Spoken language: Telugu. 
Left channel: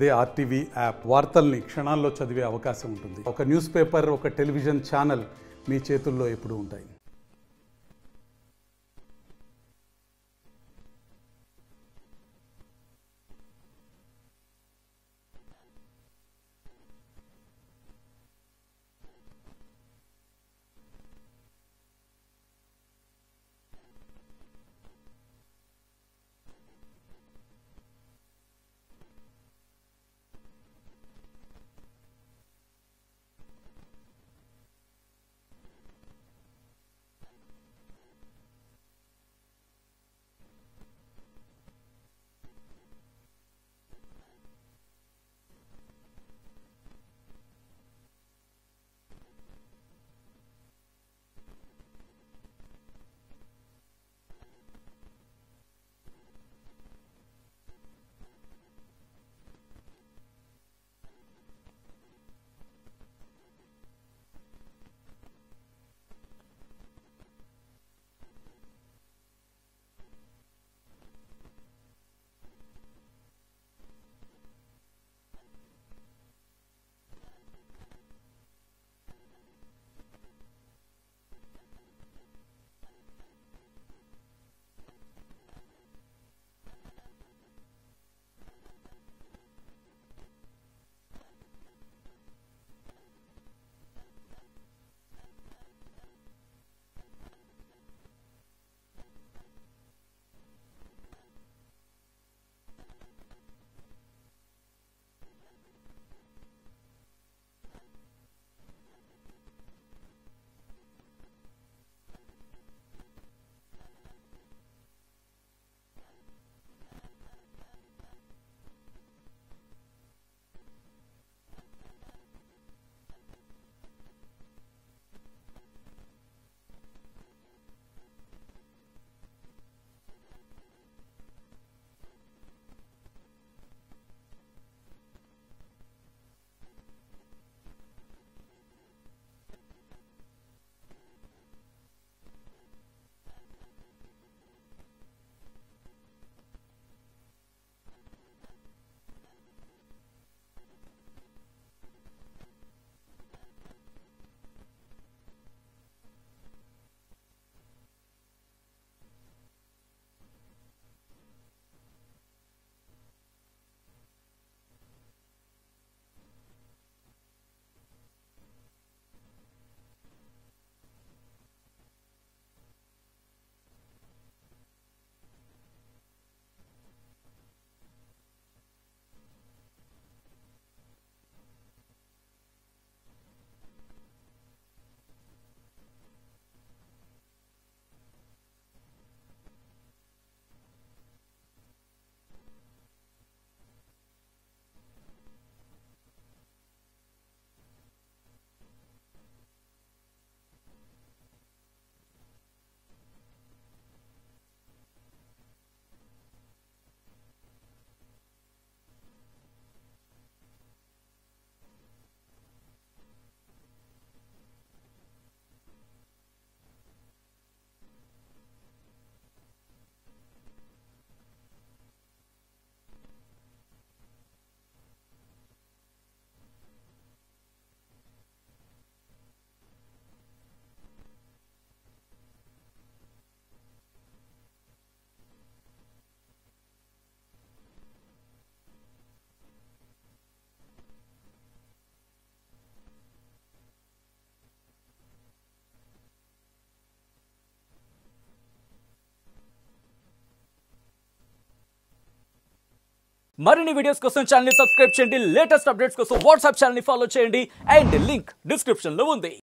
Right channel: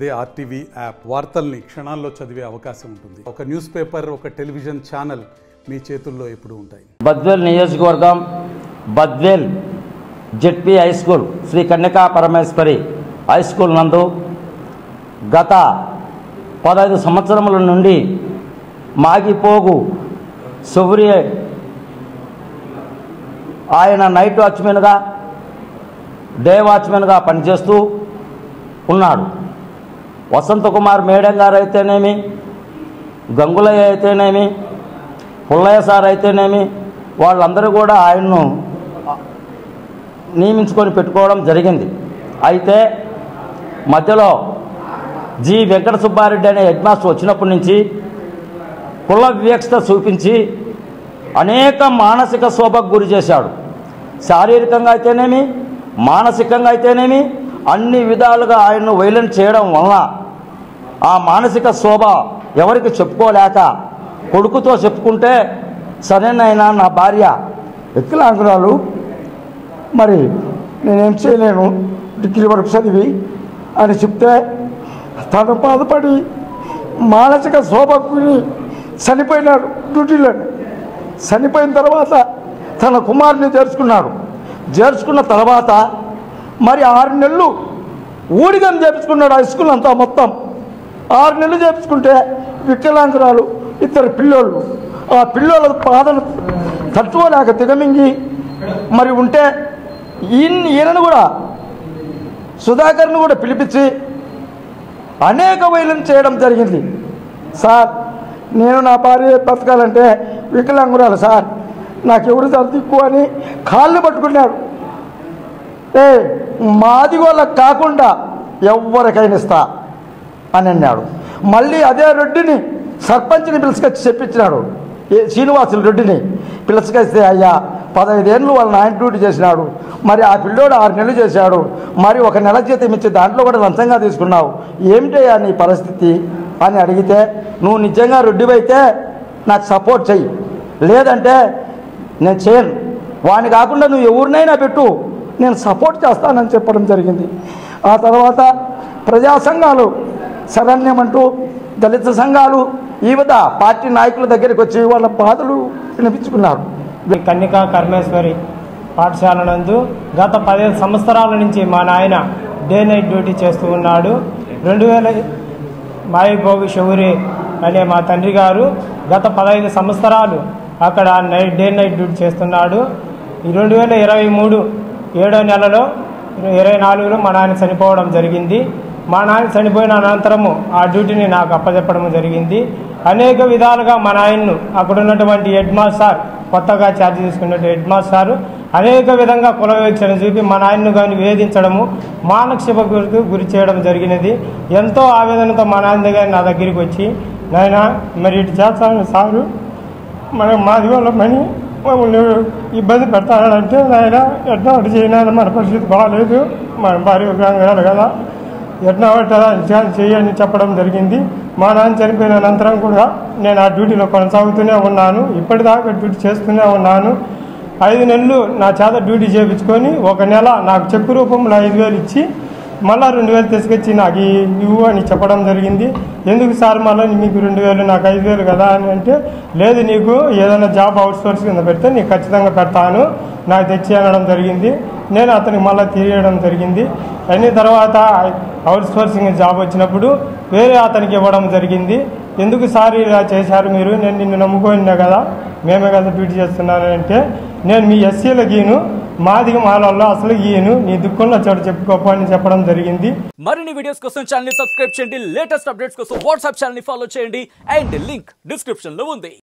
అదే ఆర్టీవీ యాప్ వార్తల్ని క్షణాల్లో చదివే అవకాశం ఉంటుంది. ఒక న్యూస్ పేపర్, ఒక టెలివిజన్ ఛానల్ మీ చేతుల్లో ఎప్పుడూ ఉంటాయి. బద్వేల్ నియోజకవర్గం Badvel ZP high school Sri Kanyaka Parameswari high school నందు గత 15 సంవత్సరముల నుండి మాగిపోగు శౌర్య ఆయన నైట్ వాచ్మెన్గా డే వాచ్మెన్గా పనిచేస్తూ ఉన్నాడు. వసంత కుమార్ మేడం గారు అయితేనేమి, గంగులయ్య అయితేనేమి, పుల్లయ్య సార్ అయితేనేమి, వాళ్ళందరూ కూడా ఆయన్ను నియమించుకొని పెట్టుకోవడం జరిగింది. అయితే మధ్యలో జి వెంకట సుబ్బారెడ్డి అనే హెడ్ మాస్టర్ వచ్చినప్పటి నుంచి కుల వివక్షత చూపించి అనేక మానసిక శోభకు గురి చేశాడు. శారీరకంగా అయితేనేమి, మానసికంగా అయితేనేమి అన్ని విధాలుగా ఆయన్ను వైలెంట్ చేయడం వలన ఆ మానసిక శోభ ఎవరికి చెప్పుకోలేక కొడుకుతో చెప్పుకుంటే, సరేనైనా నా భార్య వికలాంగురాలు, మరి నేనేం చేయలేను, డిగ్రీ వరకు చదివి అని చెప్తే తను బాధపడి మానసిక శోభకు చనిపోయినాడు. డ్యూటీలో చనిపోయిన తర్వాత తన కుమారుని చేర్చుకున్న తర్వాత మరి 6 నెలలు ఊడిగం చేపించుకున్నాడు. హై స్కూల్ అంతా మొత్తం 6 నెలలు చేపించుకుంటే వికలాంగురాలు 2 పిల్లోళ్ళు, ఆ పిల్లోళ్ళ బాధను తట్టుకోలేక దిగమింగి మరి ఉంటే ఈయనను కూడా సుధాకర్ను కూడా పిలిపించి అనేక వైలం చేయడం జరిగింది. సార్, నేను నా భార్య బతకాలంటే వికలాంగురాలు సార్, నాకెవరు దిక్కు అని కాళ్ళు పట్టుకున్నాడు. మాది వాళ్ళకి కాకుండా ఎవరికైనా ఇస్తా అని అన్నాడు. మళ్ళీ అదే రెడ్డిని సర్పంచ్ని పిలుచుకొచ్చి చెప్పించినాడు. శ్రీనివాసులు రెడ్డిని పిలుచుకొస్తే, అయ్యా 15 ఏళ్ళు వాళ్ళ నాయన డ్యూటీ చేసినాడు, మరి ఆ పిల్లోడు 6 నెలలు చేశాడు, మరి 1 నెల జీతం ఇచ్చి దాంట్లో కూడా లంచంగా తీసుకున్నావు, ఏమిటయ్యా నీ పరిస్థితి అని అడిగితే, నువ్వు నిజంగా రెడ్డివైతే నాకు సపోర్ట్ చెయ్యి, లేదంటే నేను చేయను, వాడిని కాకుండా నువ్వు ఎవరినైనా పెట్టు, నేను సపోర్ట్ చేస్తానని చెప్పడం జరిగింది. ఆ తర్వాత ప్రజా సంఘాలు శరణ్యమంటూ దళిత సంఘాలు వివిధ పార్టీ నాయకుల దగ్గరికి వచ్చి వాళ్ళ బాధలు వినిపించుకున్నారు. కన్యకా పరమేశ్వరి పాఠశాల నందు గత 15 సంవత్సరాల నుంచి మా నాయన డే నైట్ డ్యూటీ చేస్తూ ఉన్నాడు. 2000 మాయిపోగు శౌరి అనే మా తండ్రి గారు గత 15 సంవత్సరాలు అక్కడ డే నైట్ డ్యూటీ చేస్తున్నాడు. 2023 7వ నెలలో 24లో మా నాయన చనిపోవడం జరిగింది. మా నాయన చనిపోయిన అనంతరము ఆ డ్యూటీని నాకు అప్పచెప్పడం జరిగింది. అనేక విధాలుగా మా నాయన్ను అక్కడ ఉన్నటువంటి హెడ్ మాస్టర్, కొత్తగా ఛార్జ్ తీసుకున్నట్టు హెడ్ మాస్టారు అనేక విధంగా కుల వివక్షణ చూపి మా నాయన్ను కానీ వేధించడము, మానసిక గురి చేయడం జరిగినది. ఎంతో ఆవేదనతో మా నాయన గారి నా దగ్గరికి వచ్చి, నాయన మరి ఇటు చేస్తాను సారు, మనం మాది వాళ్ళ మని మమ్మల్ని ఇబ్బంది పెడతానంటే, నాయన ఎట్లా ఒకటి చేయనా, మన పరిస్థితి బాగాలేదు, మన భార్య వికలాంగురాలు కదా, ఎట్లా ఒకటి చేయని చెప్పడం జరిగింది. మా నాన్న చనిపోయిన అనంతరం కూడా నేను ఆ డ్యూటీలో కొనసాగుతూనే ఉన్నాను. ఇప్పటిదాకా డ్యూటీ చేస్తూనే ఉన్నాను. 5 నెలలు నా చేత డ్యూటీ చేయించుకొని 1 నెల నాకు చెక్కు రూపంలో 5,000 ఇచ్చి మళ్ళీ 2,000 తీసుకొచ్చి నాకు ఇవ్వు అని చెప్పడం జరిగింది. ఎందుకు సార్ మళ్ళీ మీకు 2,000 నాకు 5,000 కదా అని అంటే, లేదు నీకు ఏదైనా జాబ్ అవుట్సోర్స్ కింద పెడితే నీకు ఖచ్చితంగా పెడతాను, నాకు తెచ్చి అనడం జరిగింది. నేను అతనికి మళ్ళీ తీయడం జరిగింది. అయిన తర్వాత అవుట్సోర్సింగ్ జాబ్ వచ్చినప్పుడు వేరే అతనికి ఇవ్వడం జరిగింది. ఎందుకు సార్ ఇలా చేశారు మీరు, నేను నిన్ను నమ్ముకోనినా కదా, మేమే కదా డ్యూటీ చేస్తున్నాను అంటే, నేను మీ ఎస్సీల గీను, మాదిగ మాలలో అసలు గీయను, నీ దుఃఖంలో చోటు చెప్పుకోపో అని చెప్పడం జరిగింది. మరిన్ని వీడియోస్ కోసం ఛానల్ ని సబ్స్క్రైబ్ చేయండి, లేటెస్ట్ అప్డేట్స్ కోసం వాట్సాప్ ఛానల్ ని ఫాలో చేయండి, అండ్ లింక్ డిస్క్రిప్షన్ లో ఉంది.